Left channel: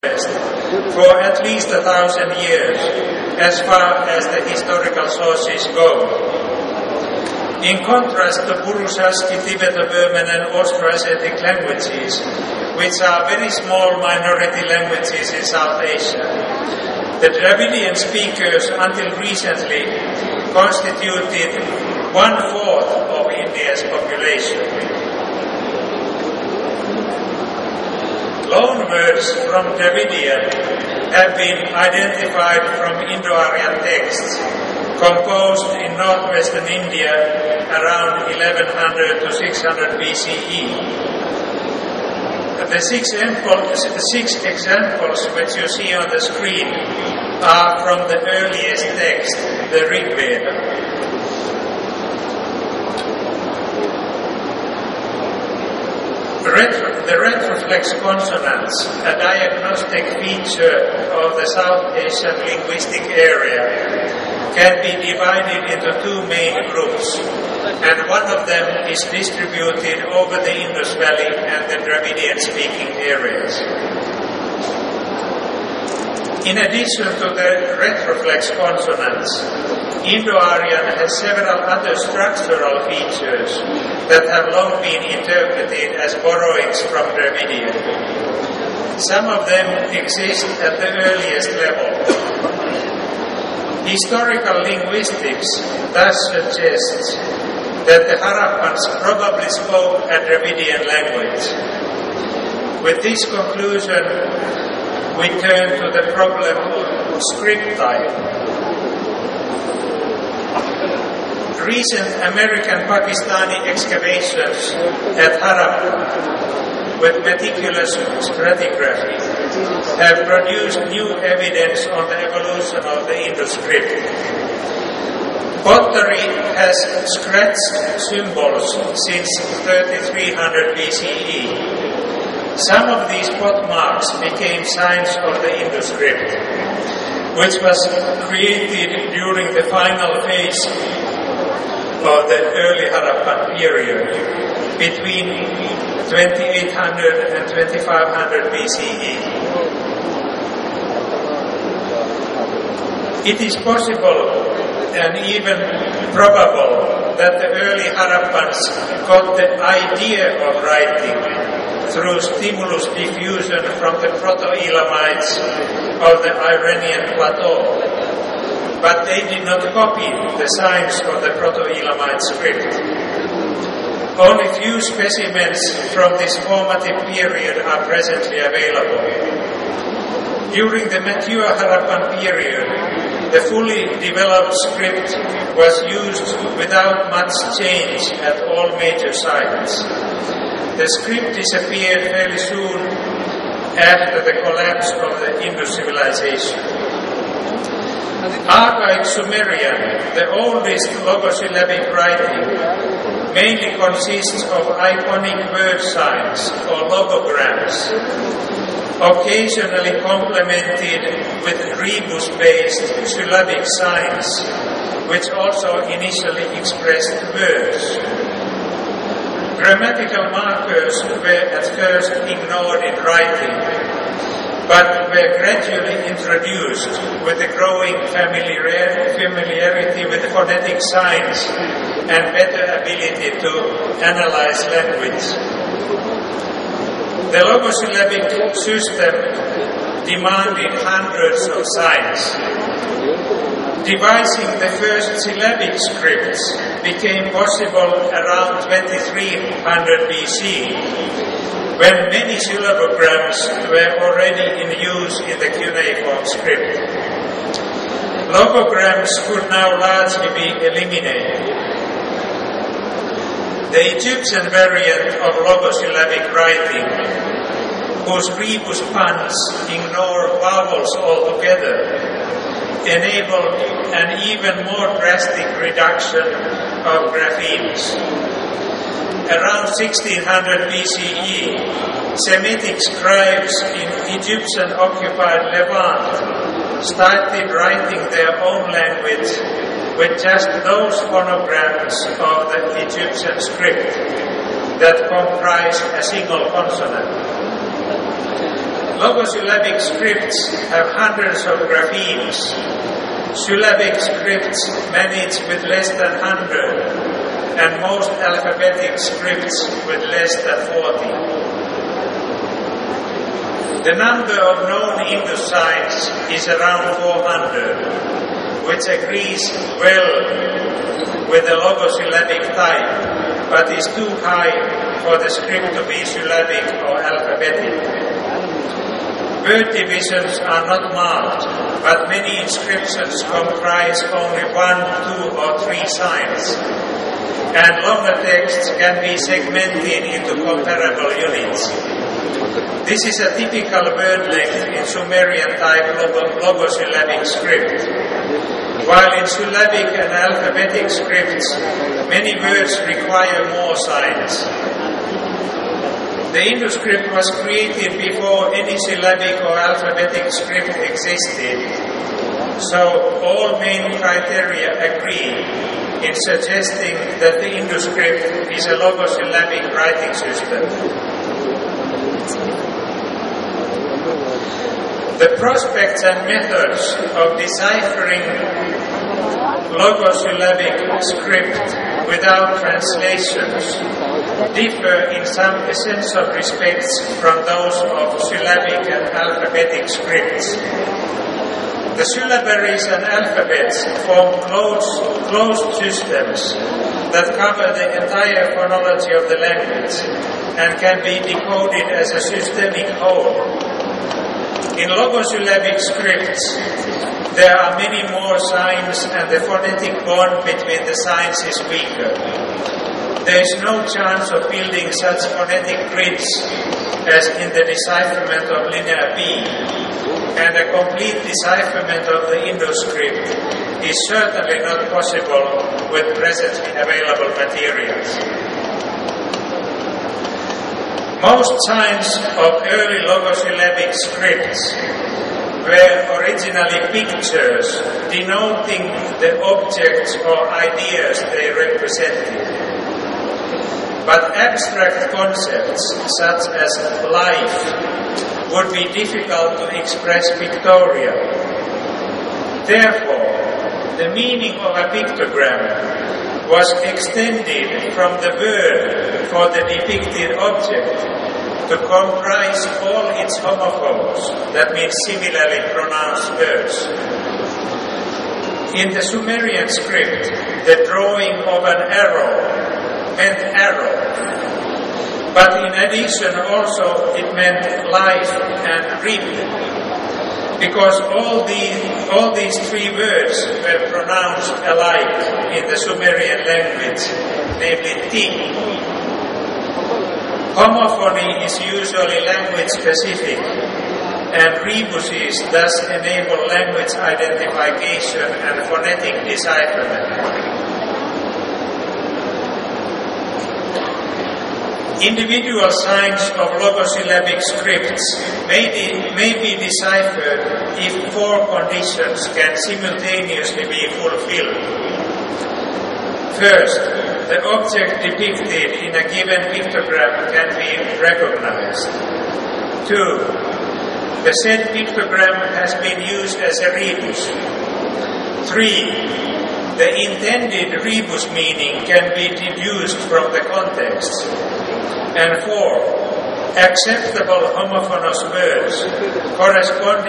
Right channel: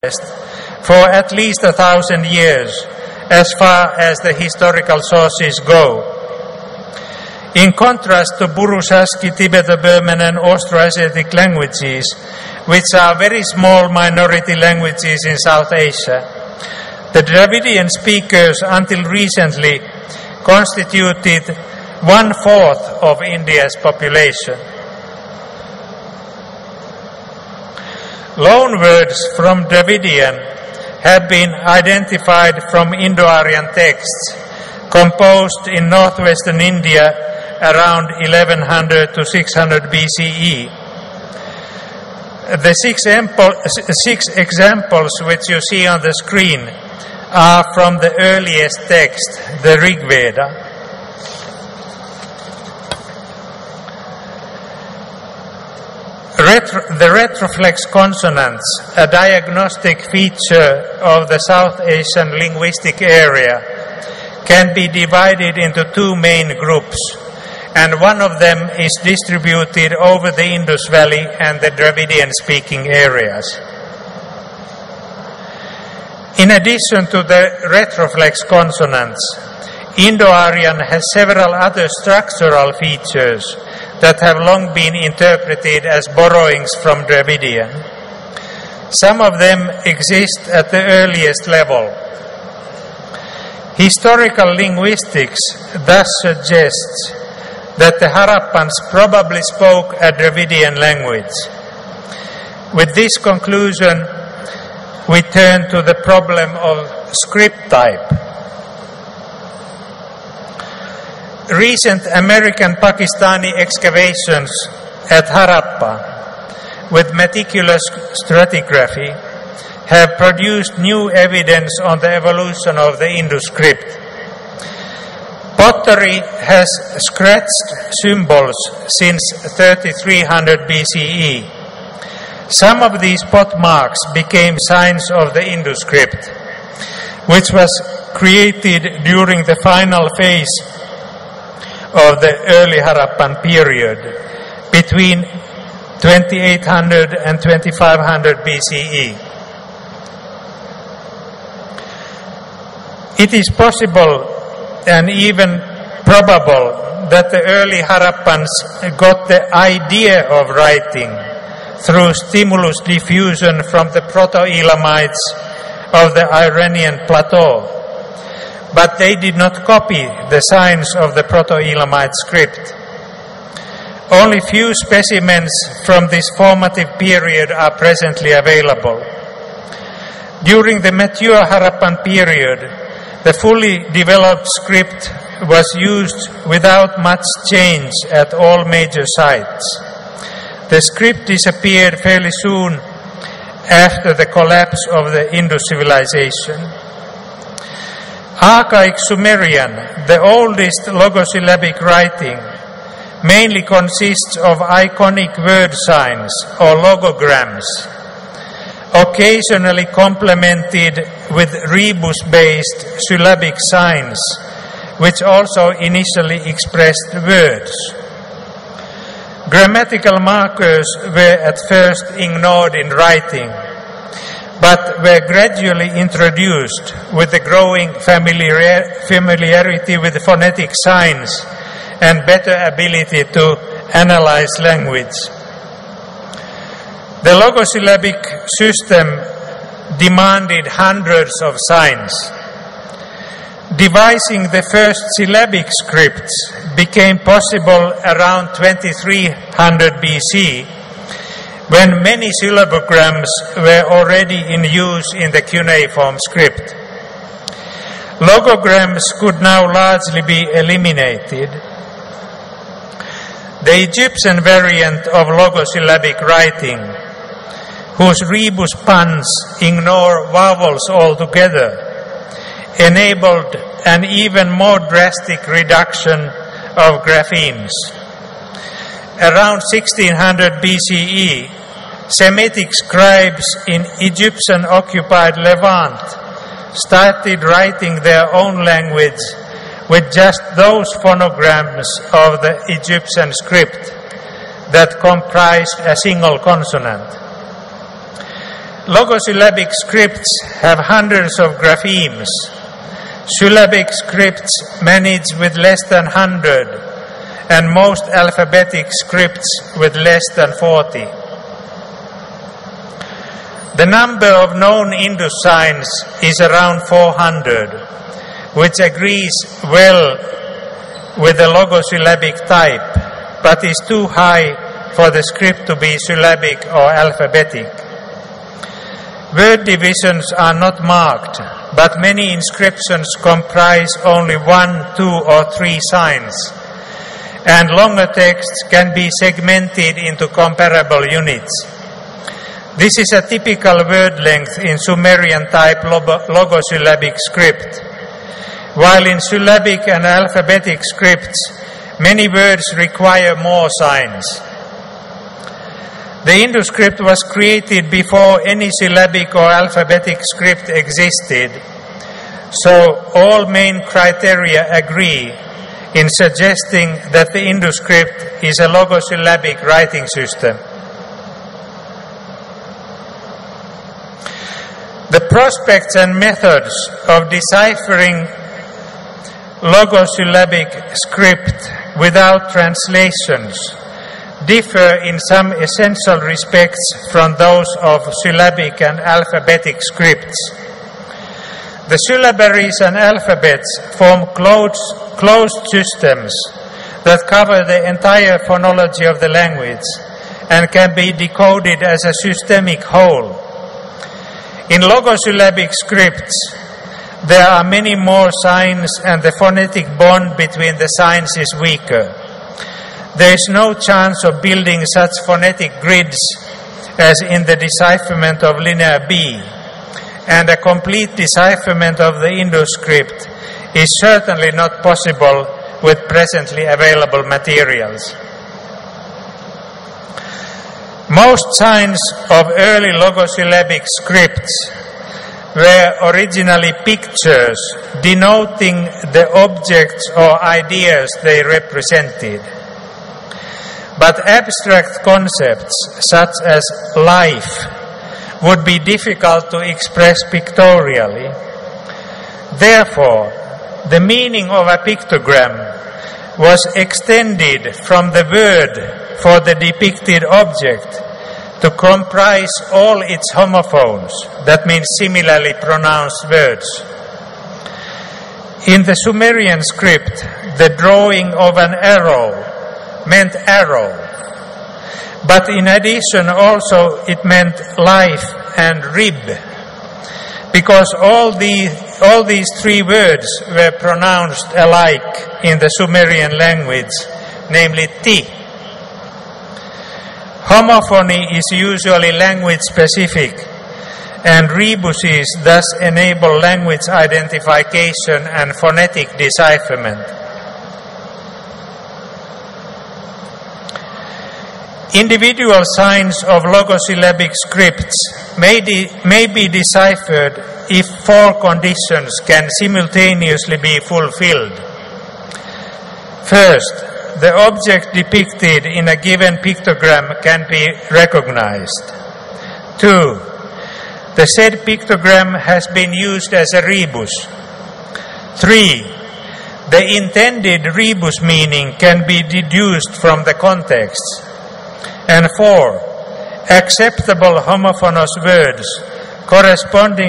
for at least 1,000 years, as far as the historical sources go. In contrast to Burushaski, Tibeto-Burman and Austroasiatic languages, which are very small minority languages in South Asia, the Dravidian speakers until recently constituted 1/4 of India's population. Loanwords from Dravidian have been identified from Indo-Aryan texts composed in northwestern India around 1100 to 600 BCE. The six examples which you see on the screen are from the earliest text, the Rig Veda. The retroflex consonants, a diagnostic feature of the South Asian linguistic area, can be divided into two main groups, and one of them is distributed over the Indus Valley and the Dravidian-speaking areas. In addition to the retroflex consonants, Indo-Aryan has several other structural features that have long been interpreted as borrowings from Dravidian. Some of them exist at the earliest level. Historical linguistics thus suggests that the Harappans probably spoke a Dravidian language. With this conclusion, we turn to the problem of script type. Recent American-Pakistani excavations at Harappa with meticulous stratigraphy have produced new evidence on the evolution of the Indus script. Pottery has scratched symbols since 3300 BCE. Some of these pot marks became signs of the Indus script, which was created during the final phase of the early Harappan period, between 2800 and 2500 BCE. It is possible and even probable that the early Harappans got the idea of writing through stimulus diffusion from the Proto-Elamites of the Iranian plateau, but they did not copy the signs of the Proto-Elamite script. Only few specimens from this formative period are presently available. During the mature Harappan period, the fully developed script was used without much change at all major sites. The script disappeared fairly soon after the collapse of the Indus civilization. Archaic Sumerian, the oldest logosyllabic writing, mainly consists of iconic word signs or logograms, occasionally complemented with rebus-based syllabic signs, which also initially expressed words. Grammatical markers were at first ignored in writing, but were gradually introduced with the growing familiarity with phonetic signs and better ability to analyze language. The logosyllabic system demanded hundreds of signs. Devising the first syllabic scripts became possible around 2300 BC, when many syllabograms were already in use in the cuneiform script. Logograms could now largely be eliminated. The Egyptian variant of logosyllabic writing, whose rebus puns ignore vowels altogether, enabled an even more drastic reduction of graphemes. Around 1600 BCE, Semitic scribes in Egyptian-occupied Levant started writing their own language with just those phonograms of the Egyptian script that comprised a single consonant. Logosyllabic scripts have hundreds of graphemes. Syllabic scripts manage with less than 100, and most alphabetic scripts with less than 40. The number of known Indus signs is around 400, which agrees well with the logosyllabic type, but is too high for the script to be syllabic or alphabetic. Word divisions are not marked, but many inscriptions comprise only 1, 2, or 3 signs, and longer texts can be segmented into comparable units. This is a typical word length in Sumerian type logosyllabic script, while in syllabic and alphabetic scripts, many words require more signs. The Indus script was created before any syllabic or alphabetic script existed, so all main criteria agree in suggesting that the Indus script is a logosyllabic writing system. The prospects and methods of deciphering logosyllabic script without translations differ in some essential respects from those of syllabic and alphabetic scripts. The syllabaries and alphabets form closed systems that cover the entire phonology of the language and can be decoded as a systemic whole. In logosyllabic scripts, there are many more signs and the phonetic bond between the signs is weaker. There is no chance of building such phonetic grids as in the decipherment of Linear B, and a complete decipherment of the Indus script is certainly not possible with presently available materials. Most signs of early logosyllabic scripts were originally pictures denoting the objects or ideas they represented. But abstract concepts such as life would be difficult to express pictorially. Therefore, the meaning of a pictogram was extended from the word for the depicted object to comprise all its homophones, that means similarly pronounced words. In the Sumerian script, the drawing of an arrow meant arrow, but in addition also it meant life and rib, because all these 3 words were pronounced alike in the Sumerian language, namely ti. Homophony is usually language specific, and rebuses thus enable language identification and phonetic decipherment. Individual signs of logosyllabic scripts may be deciphered if 4 conditions can simultaneously be fulfilled. First, the object depicted in a given pictogram can be recognized. 2, the said pictogram has been used as a rebus. 3, the intended rebus meaning can be deduced from the context. And 4, acceptable homophonous words corresponding